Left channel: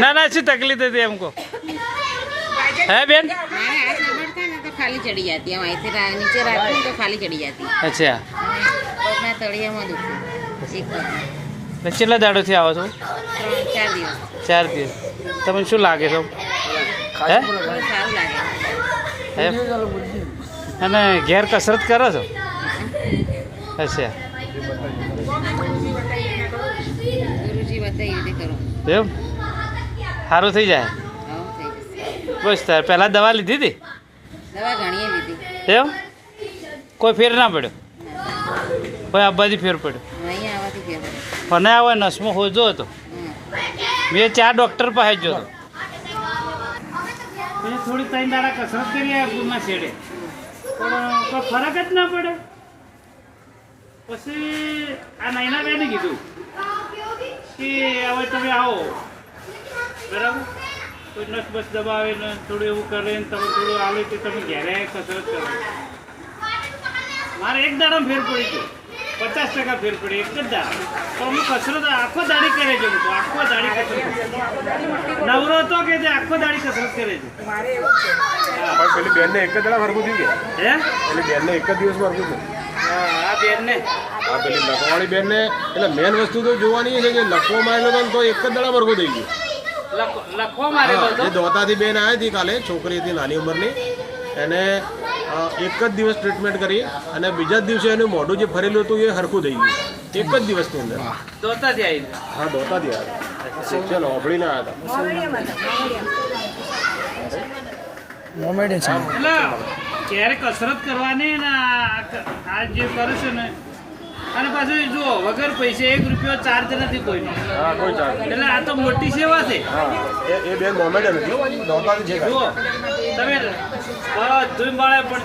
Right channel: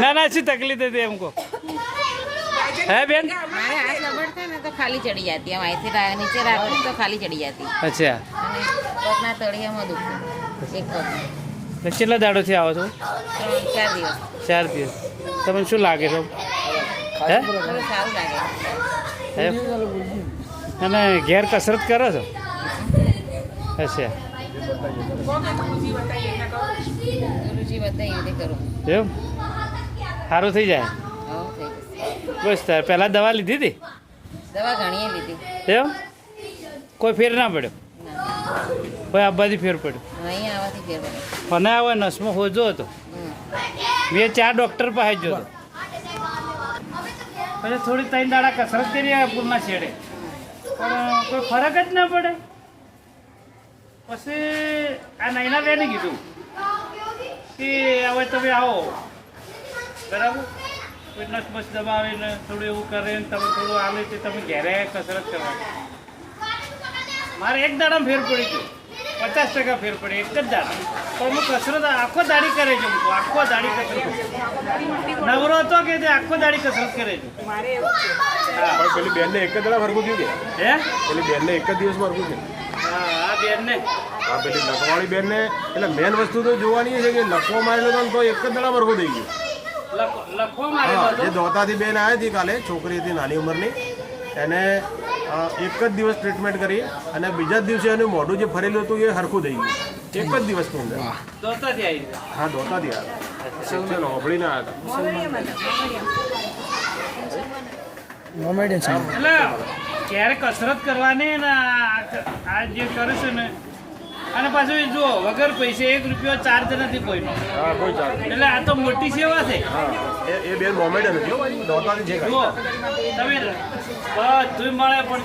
ના ના, શું તકલીફ હતી એમ કહો હે, બેન? ખાલી ચડી જતી એમ અહીંથી તો ખાલી ચડી જતી અચ્છા પગના દાડોથી આવો છો? ચાર દિવસ. તમને શું લાગે છે? અને ઘેર કસરત કરો છો? અચ્છા. એમ? સારું થઈ જાય? બસ તાર પહેલાં દવા લીધી હતી? દવા ઘણીએ લીધી. એમ? કોઈ ફેર ના પડ્યો? કોઈ આબાદી ફેર પડ્યો? મને આવે નસમાં હોજો હતો. મેં ચાર ડૉક્ટર પાસે જ જોતો. પછી થોડી ત્રણ દાડા કસરત કરી આ ગુણના છેડે. પણ કોઈ ફરક જ ના પડે પછી આ નાઈના બેને કીધું કે હવે તમે આવો. બરાબર? કોઈ નસ બસ દબાવે ને થોડું એવું કરે ને તમે થોડું આવે કે તમે ઘેરે કસરત કરો. મારે એક દાડા ફેર પડી ગયો. પચાસ ટકા ફેર પડી. એક જ દાડા પણ હું કસરત આખો દાડી કરે છે હું આખો દાડી કસરત નવરો હતો કે તે આખો દાડી કસરત કરે છે. પણ પેલી બેનને એક જ દાડા ફરકું થયું કે? હે? પેલી બેનને એક જ દિવસ ફરકું થયું હા આ બેન ને પેલી લખવાળી બેનને એટલે મેન વસ્તુ તો જોવાની છે કે લખવો મારેલો હતો તો એક જ દડા વર્ગો થઈ ગયું. હા જે દોતાથી બેન આવી હતી કાલે છોકરી હતી નાની ઉંમરની એને એક જ દિવસ ટ્રીટમેન્ટ કરી અને બીજા જ દિવસે એનું મોઢું જે ફરેલું હતું એ હરખું થઈ ગયું. એક જ દિવસની અંદર. હા દોતાથી આવ્યા શિક્ષણ આવ્યા હતા. ક્યારે કસરત કરવાની ને આ જે કરે છે ને અને પાછું જુઓ વગર પૈસે એક રૂપિયો ચાર્જ નથી કોઈનો. કોઈ ચાલ એટલે આ તો મોટી સેવા છે. એ બેન હતી હો, જુઓ તમે બધું મળે પણ